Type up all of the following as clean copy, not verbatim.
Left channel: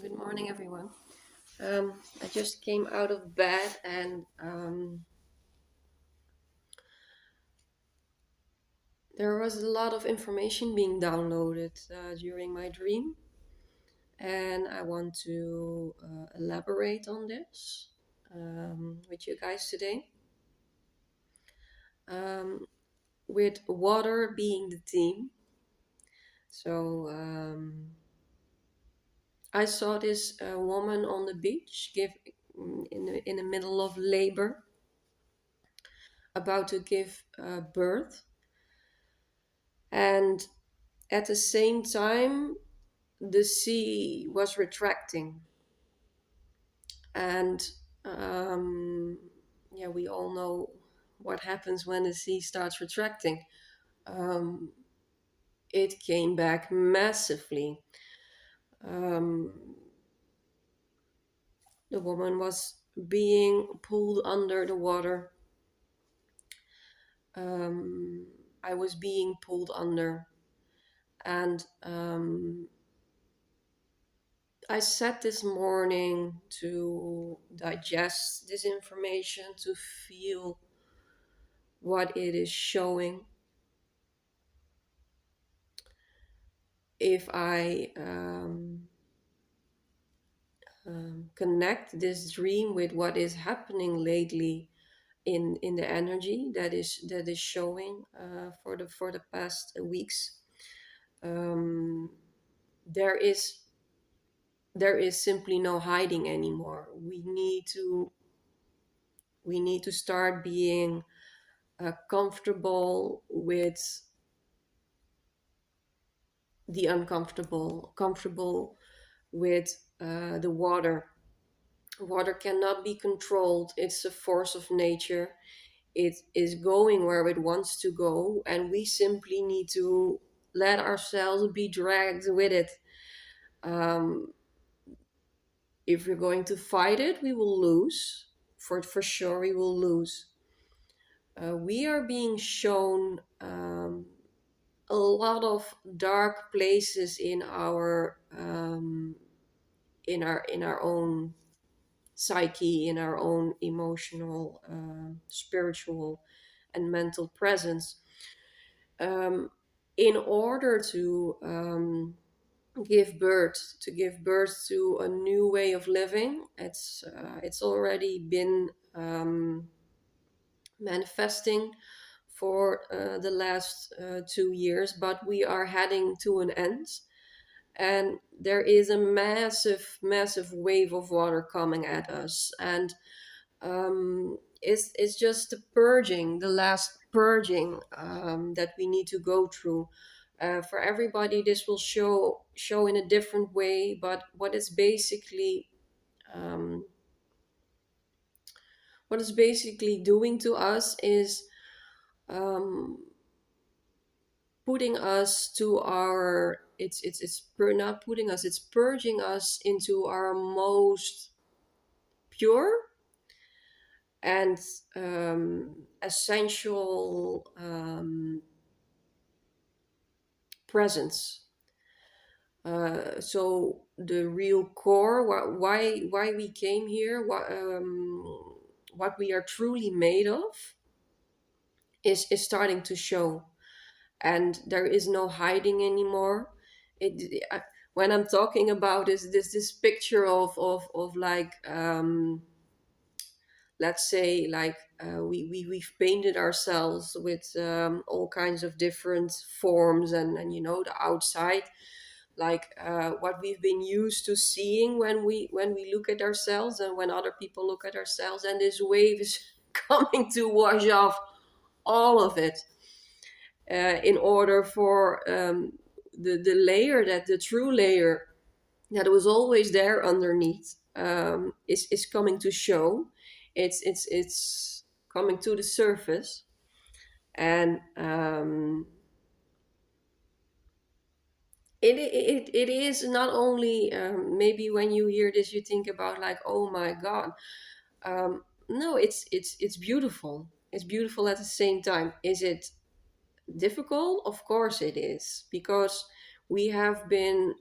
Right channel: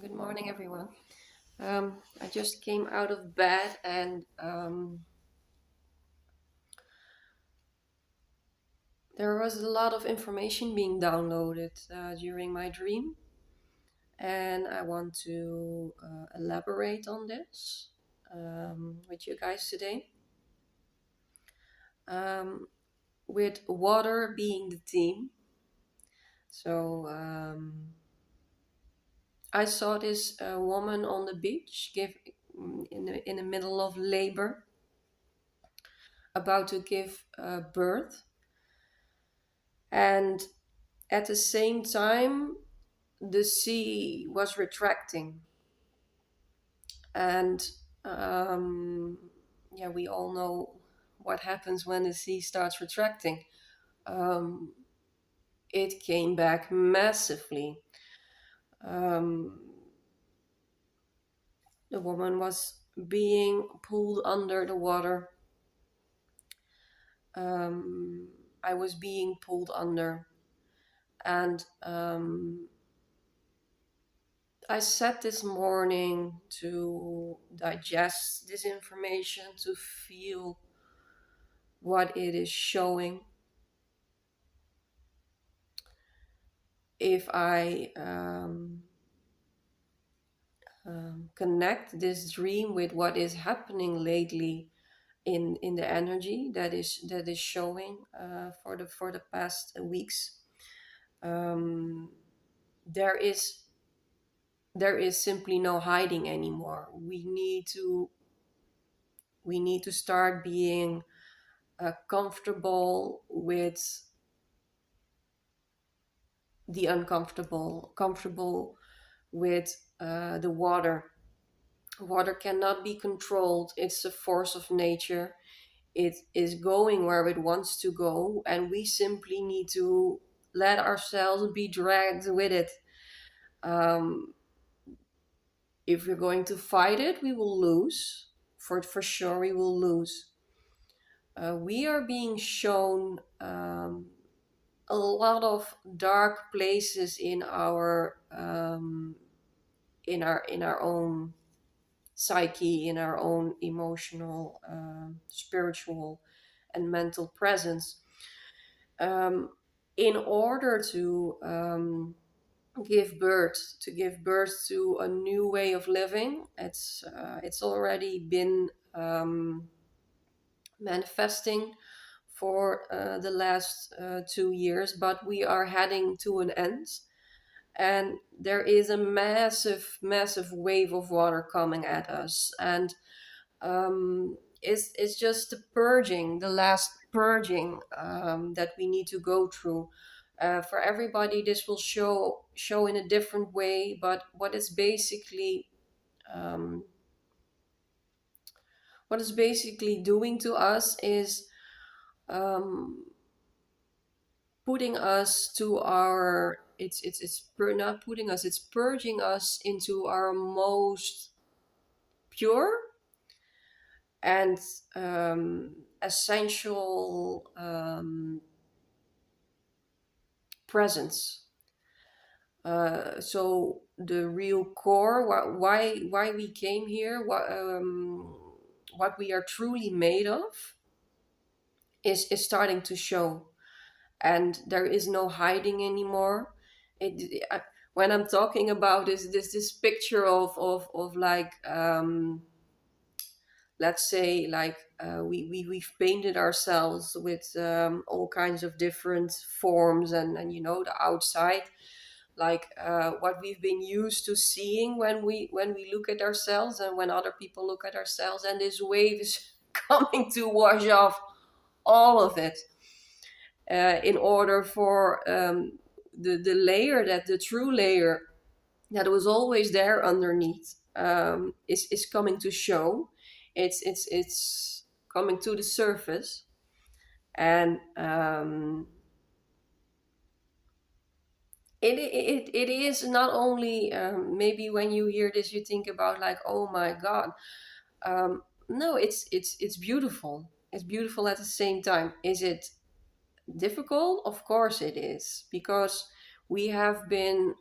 Good morning, everyone. I just came out of bed and there was a lot of information being downloaded during my dream, and I want to elaborate on this with you guys today. Um, with water being the theme. So I saw this woman on the beach in the middle of labor, about to give birth, and at the same time the sea was retracting, and um, yeah, we all know what happens when the sea starts retracting. um, it came back massively. um, the woman was being pulled under the water. um, I was being pulled under, and I sat this morning to digest this information, to feel what it is showing. If I connect this dream with what is happening lately in the energy that is showing for the past weeks, um, there is there is simply no hiding anymore. We need to start being comfortable with the uncomfortable, comfortable with the water. Water cannot be controlled, it's a force of nature. It is going where it wants to go, and we simply need to let ourselves be dragged with it. Um, if we're going to fight it, we will lose. For sure, we will lose. We are being shown a lot of dark places in our own psyche, in our own emotional, spiritual, and mental presence. Um, in order to give birth to a new way of living, it's already been manifesting for the last 2 years, but we are heading to an end, and there is a massive, massive wave of water coming at us, and it's just the last purging that we need to go through. For everybody, this will show in a different way, but um, what it's basically doing to us is um, putting us to our not putting us, it's purging us into our most pure and essential presence. So the real core, why we came here, what we are truly made of, is starting to show, and there is no hiding anymore. It, I, when I'm talking about this picture of like, let's say, like, we've painted ourselves with all kinds of different forms, and the outside, like what we've been used to seeing when we look at ourselves and when other people look at ourselves, and this wave is coming to wash off all of it, in order for the true layer that was always there underneath, is coming to show. It's coming to the surface, and it is not only, maybe when you hear this you think about, like, oh my god. No, it's beautiful. It's beautiful at the same time. Is it difficult? Of course it is, because we have been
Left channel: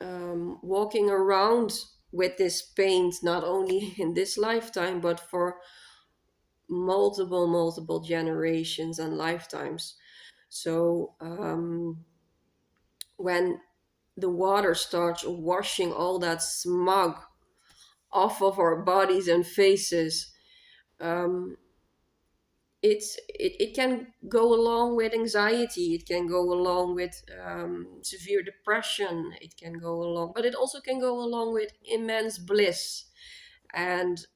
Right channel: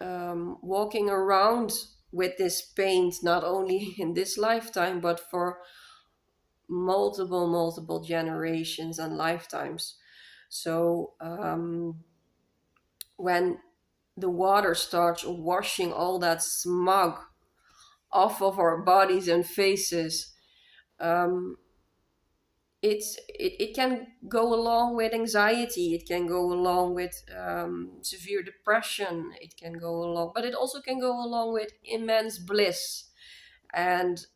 walking around with this paint not only in this lifetime but for multiple generations and lifetimes. So when the water starts washing all that smog off of our bodies and faces, um, it can go along with anxiety, it can go along with severe depression, it can go along, but it also can go along with immense bliss and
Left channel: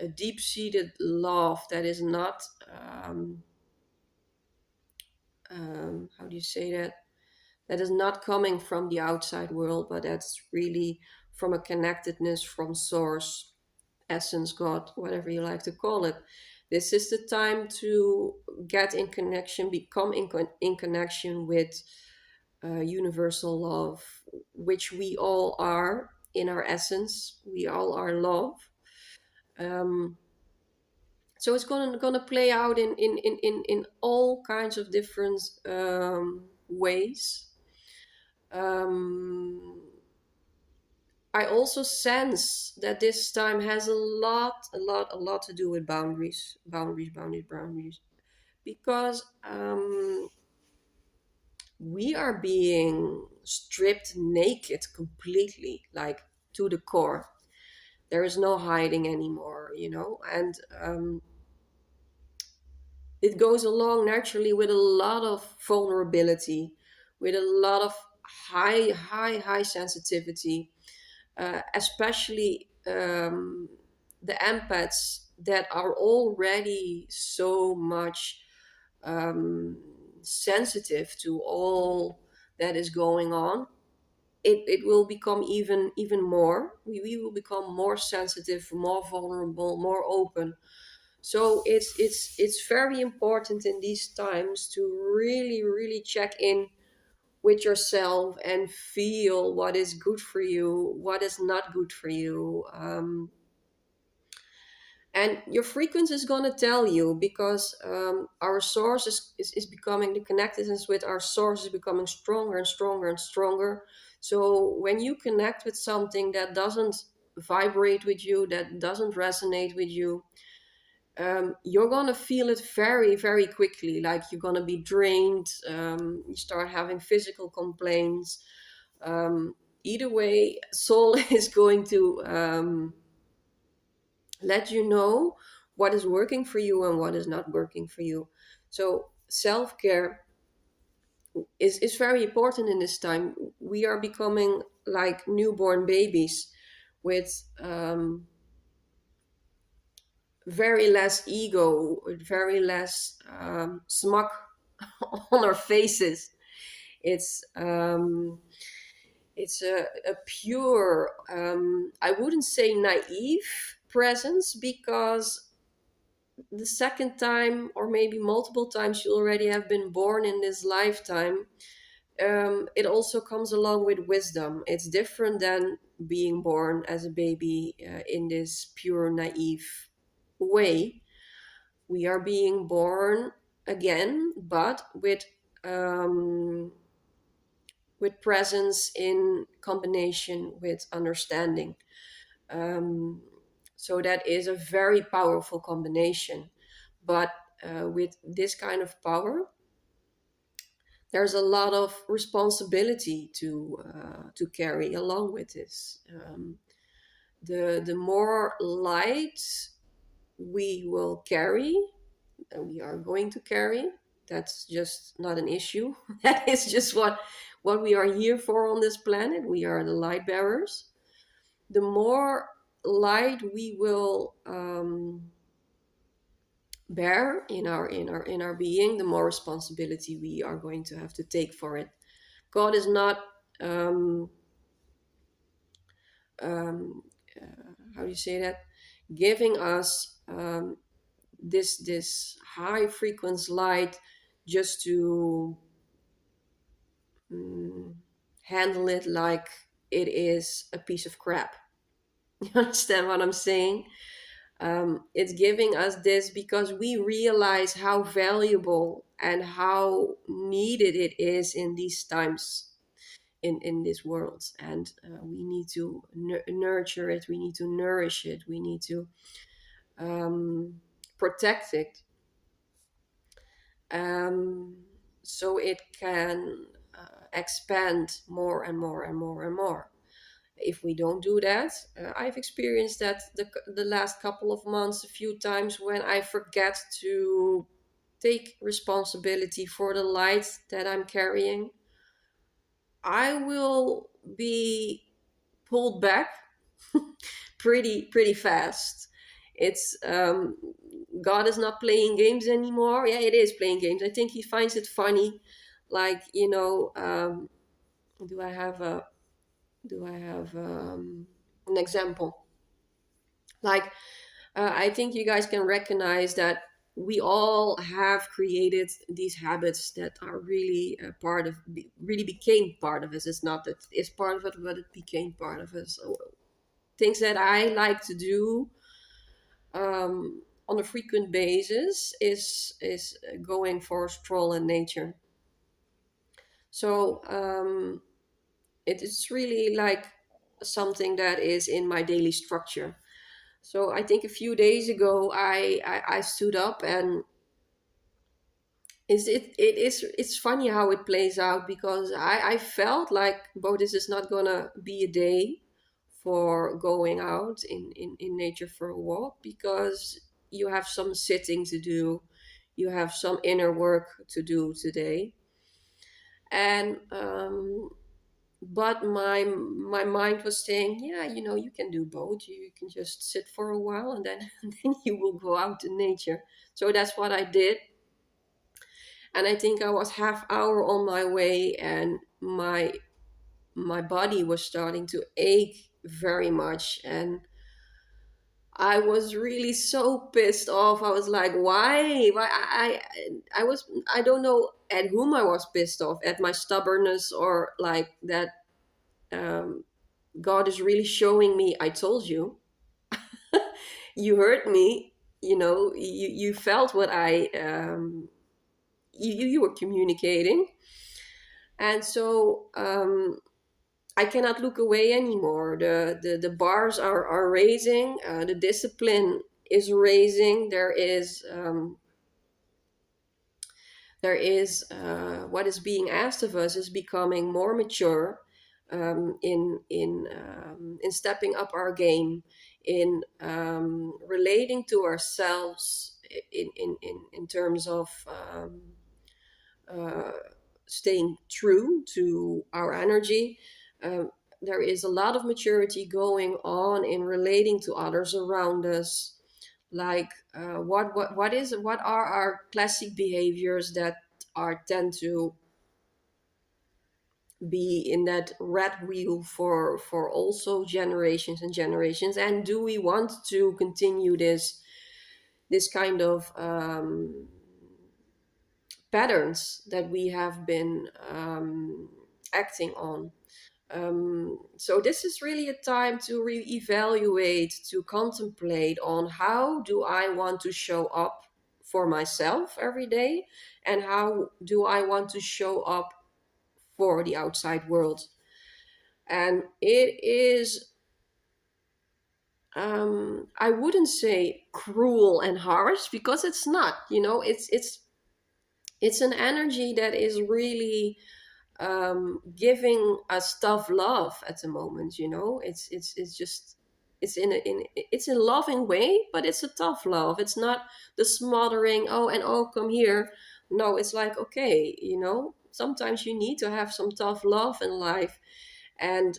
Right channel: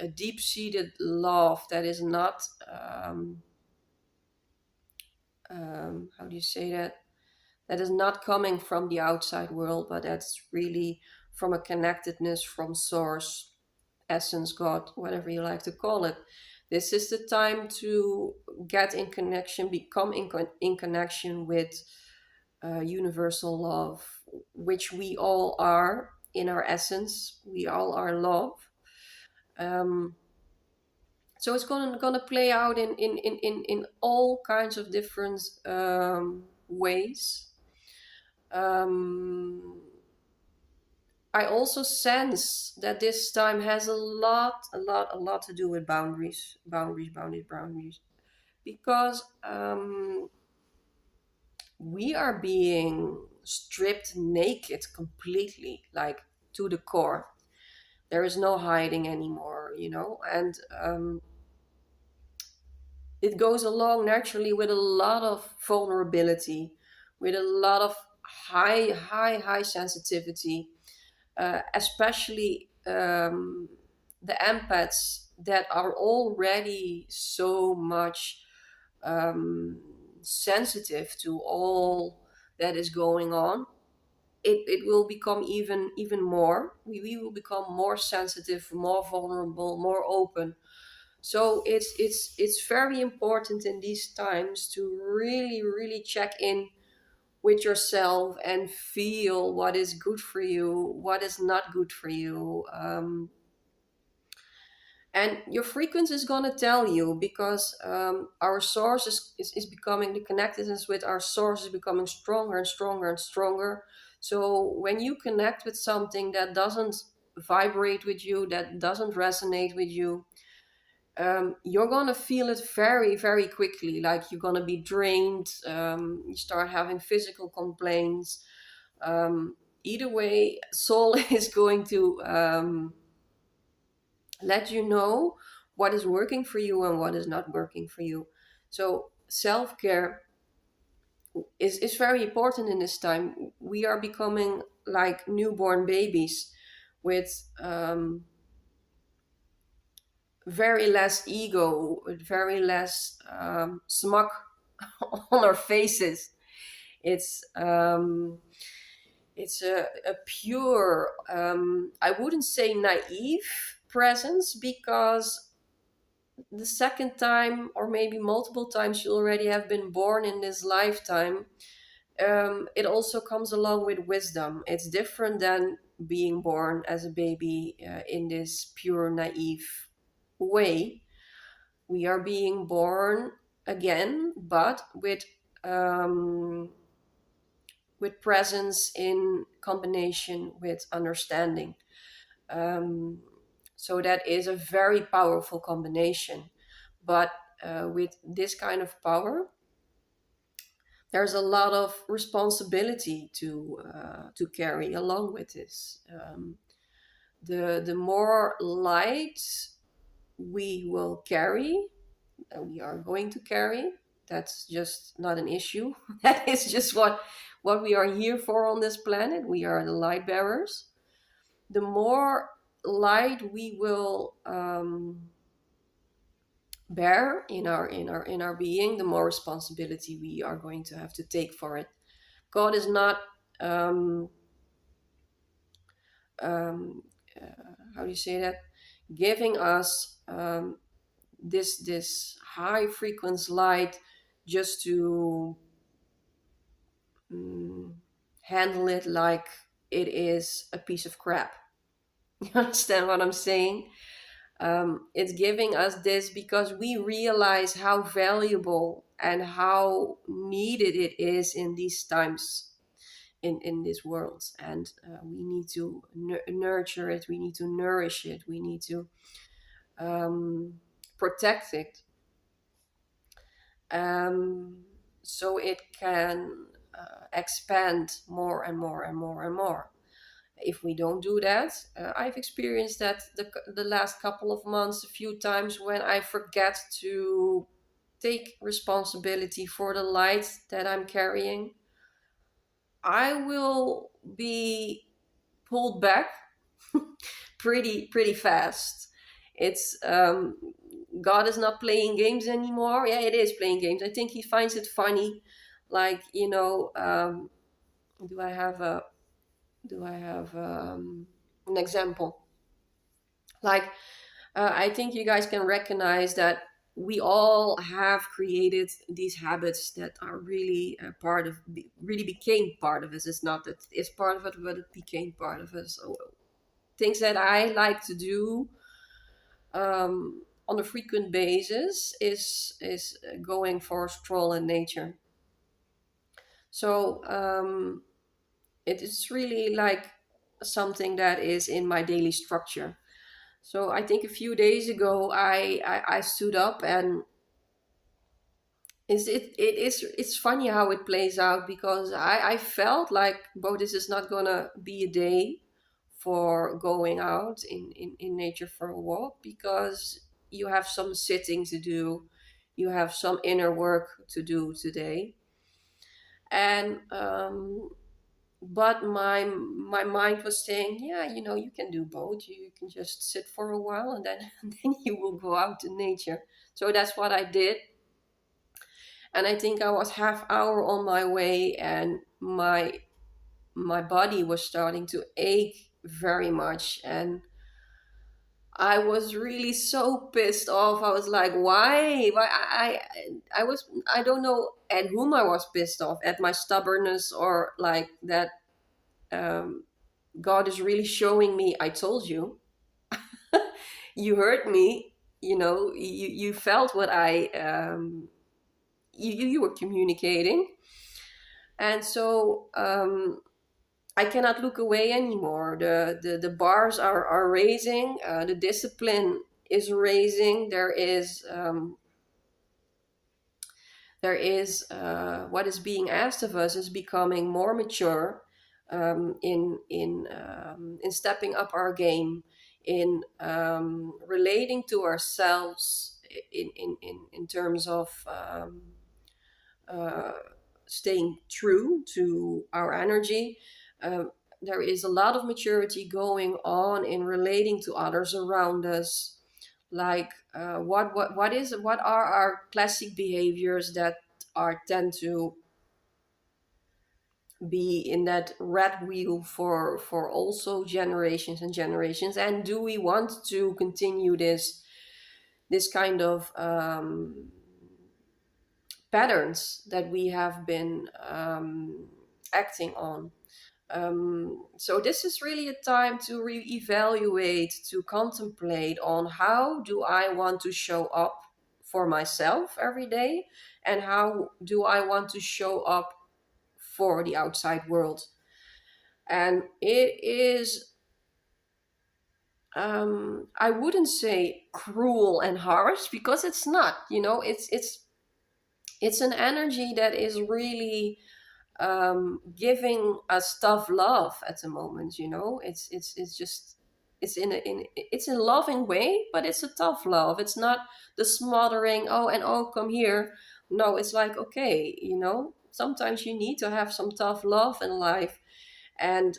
a deep-seated love that is not how do you say that, that is not coming from the outside world, but that's really from a connectedness from source, essence, God, whatever you like to call it. This is the time to get in connection, become in connection with universal love, which we all are in our essence. We all are love. Um, so it's gonna play out in all kinds of different ways. Um, I also sense that this time has a lot to do with boundaries, because we are being stripped naked completely, like to the core. There is no hiding anymore, and it goes along naturally with a lot of vulnerability, with a lot of high sensitivity, especially the empaths that are already so much sensitive to all that is going on. It will become even more. We will become more sensitive, more vulnerable, more open. So it's very important in these times to really check in with yourself and feel what is good for you, what is not good for you. And your frequency is going to tell you, because our source is becoming, the connectedness with our source is becoming stronger and stronger and stronger. So when you connect with something that doesn't vibrate with you, that doesn't resonate with you, you're gonna feel it very quickly. Like you're gonna be drained. You start having physical complaints. Um, Either way, soul is going to let you know what is working for you and what is not working for you. So self-care is very important in this time. We are becoming like newborn babies with very less ego, with very less smug on our faces. It's it's a pure, I wouldn't say naive presence, because the second time or maybe multiple times you already have been born in this lifetime, it also comes along with wisdom. It's different than being born as a baby in this pure naive way. We are being born again, but um, with presence in combination with understanding. Um, so that is a very powerful combination. But with this kind of power, there's a lot of responsibility to carry along with this. The more light we will carry, we are going to carry. That's just not an issue. That is just what we are here for on this planet. We are the light bearers. The more light we will bear in our being, the more responsibility we are going to have to take for it. God is not um, how do you say that? Giving us this high frequency light just to mm, handle it like it is a piece of crap. You understand what I'm saying? It's giving us this because we realize how valuable and how needed it is in these times. in this world, and we need to nurture it, we need to nourish it, we need to um, protect it, um, so it can expand more and more and more and more. If we don't do that, I've experienced that the last couple of months a few times when I forget to take responsibility for the light that I'm carrying, I will be pulled back pretty fast. It's God is not playing games anymore. Yeah, it is playing games. I think he finds it funny. Like, do I have a do I have an example? Like, I think you guys can recognize that we all have created these habits that are really really became part of us. It's not that it's part of it, but it became part of us. So, things that I like to do on a frequent basis is going for a stroll in nature. So it is really like something that is in my daily structure. So I think a few days ago I stood up, and it's funny how it plays out, because I felt like, "Bo, this is not gonna be a day for going out in nature for a walk, because you have some sitting to do, you have some inner work to do today." And but my mind was saying, "Yeah, you can do both. You can just sit for a while, and then and then you will go out in nature." So that's what I did. And I think I was half hour on my way, and my body was starting to ache very much, and I was really so pissed off. I was like, why I was, I don't know at whom I was pissed off, at my stubbornness, or like that. um God is really showing me, "I told you." You heard me. You felt what you were communicating. And so I cannot look away anymore. The bars are raising. The discipline is raising. There is what is being asked of us is becoming more mature, in stepping up our game, in relating to ourselves, in terms of uh, staying true to our energy. Um, there is a lot of maturity going on in relating to others around us. Like, what are our classic behaviors that are tend to be in that rat wheel for also generations and generations, and do we want to continue this kind of patterns that we have been acting on. So this is really a time to reevaluate, to contemplate on, how do I want to show up for myself every day, and how do I want to show up for the outside world. And it is, I wouldn't say cruel and harsh, because it's not. It's an energy that is really giving us tough love at the moment. It's just, it's in a loving way, but it's a tough love. It's not the smothering, "Oh, and oh, come here." No, it's like, okay, sometimes you need to have some tough love in life. And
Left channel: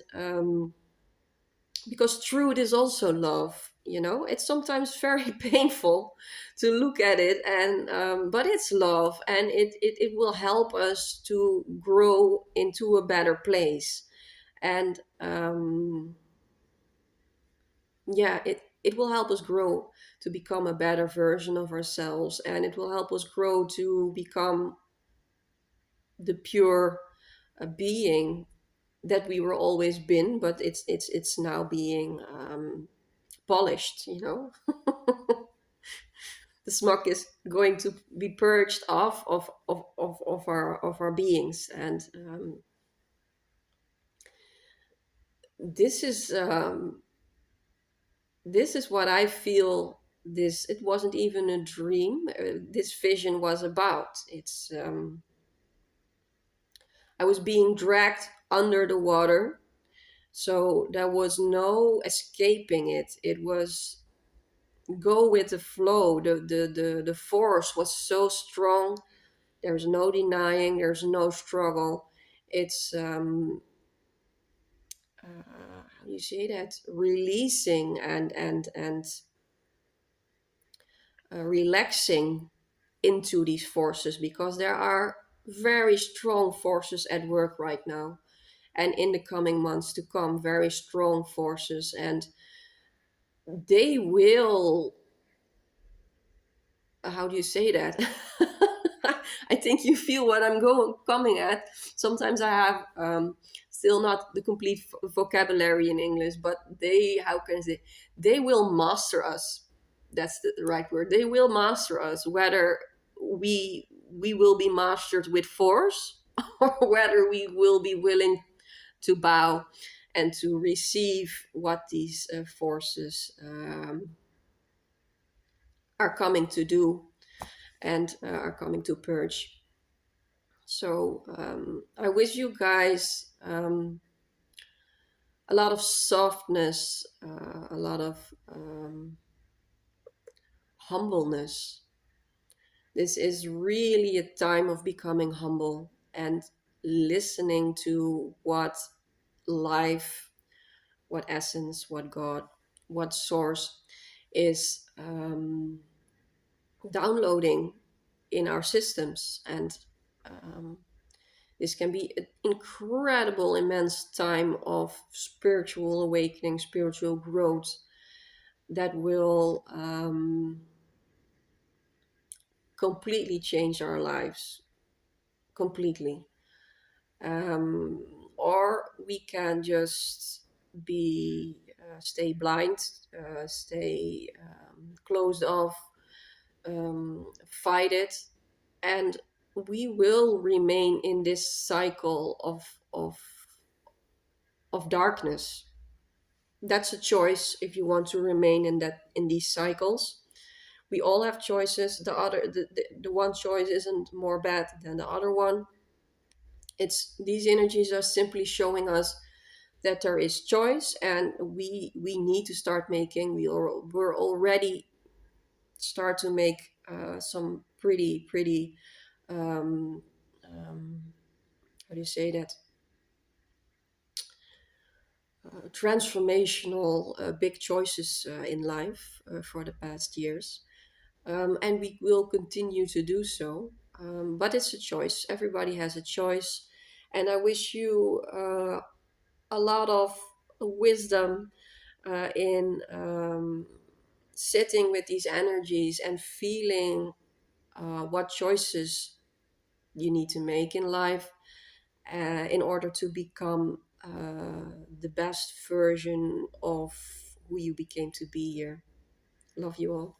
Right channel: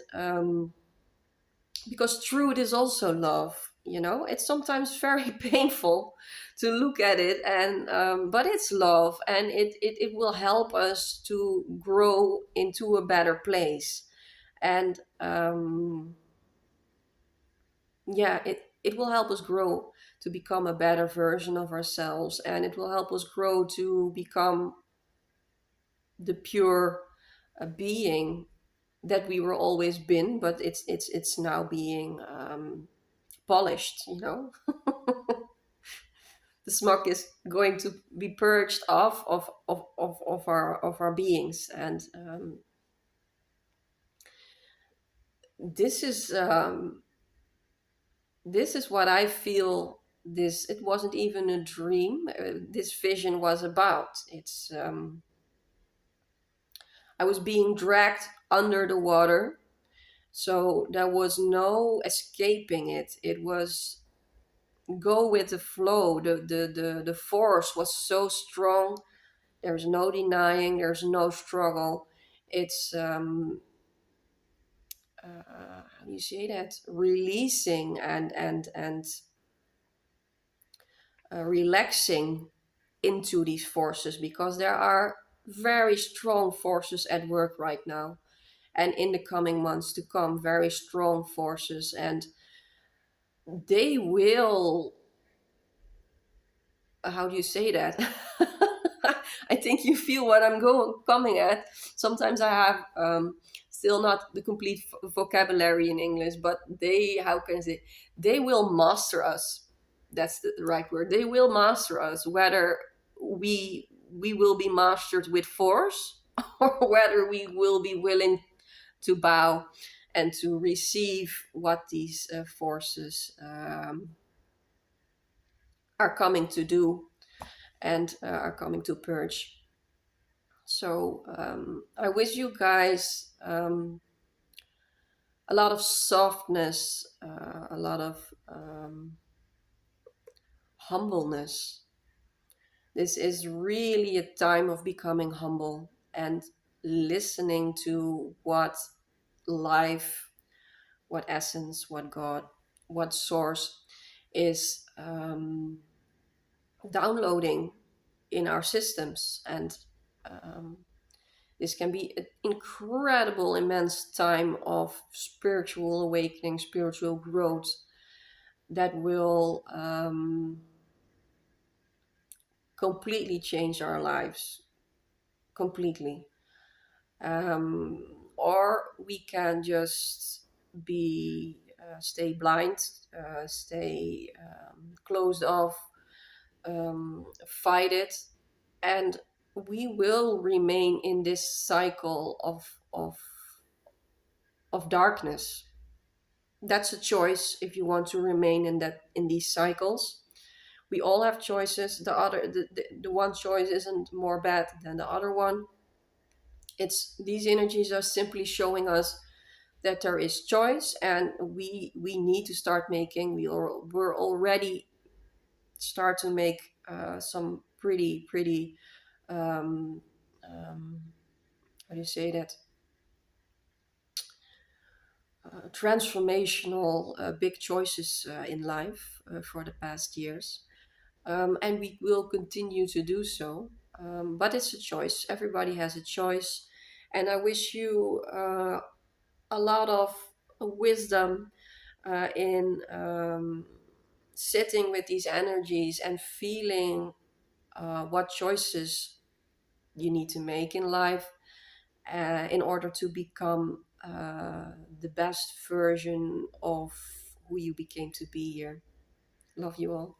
because truth is also love. It's sometimes very painful to look at it, and but it's love, and it will help us to grow into a better place. And yeah, it will help us grow to become a better version of ourselves, and it will help us grow to become the pure being that we were always been, but it's now being polished. The smog is going to be purged off of our beings. And this is this is what I feel. This, it wasn't even a dream. This vision was about. It's I was being dragged under the water, so there was no escaping it. It was go with the flow. The force was so strong. There's no denying. There's no struggle. It's how do you say that? Releasing and relaxing into these forces, because there are very strong forces at work right now, and in the coming months to come, very strong forces, and they will, how do you say that? I think you feel what I'm coming at. Sometimes I have still not the complete vocabulary in English, but they, how can I say, they will master us. That's the right word. They will master us, whether we will be mastered with force or whether we will be willing to bow and to receive what these forces are coming to do and are coming to purge. So I wish you guys a lot of softness, a lot of humbleness. This is really a time of becoming humble and listening to what life, what essence, what God, what source is downloading in our systems. And um, this can be an incredible, immense time of spiritual awakening, spiritual growth that will completely change our lives. Completely. Um, or we can just be, stay blind, stay closed off, fight it, and we will remain in this cycle of darkness. That's a choice if you want to remain in that, in these cycles. We all have choices. The one choice isn't more bad than the other one. It's, these energies are simply showing us that there is choice, and we need to start making, we're already start to make some pretty um, um, how do you say that, transformational big choices in life for the past years, and we will continue to do so. But it's a choice. Everybody has a choice, and I wish you a lot of wisdom in sitting with these energies and feeling what choices you need to make in life in order to become the best version of who you became to be here. Love you all.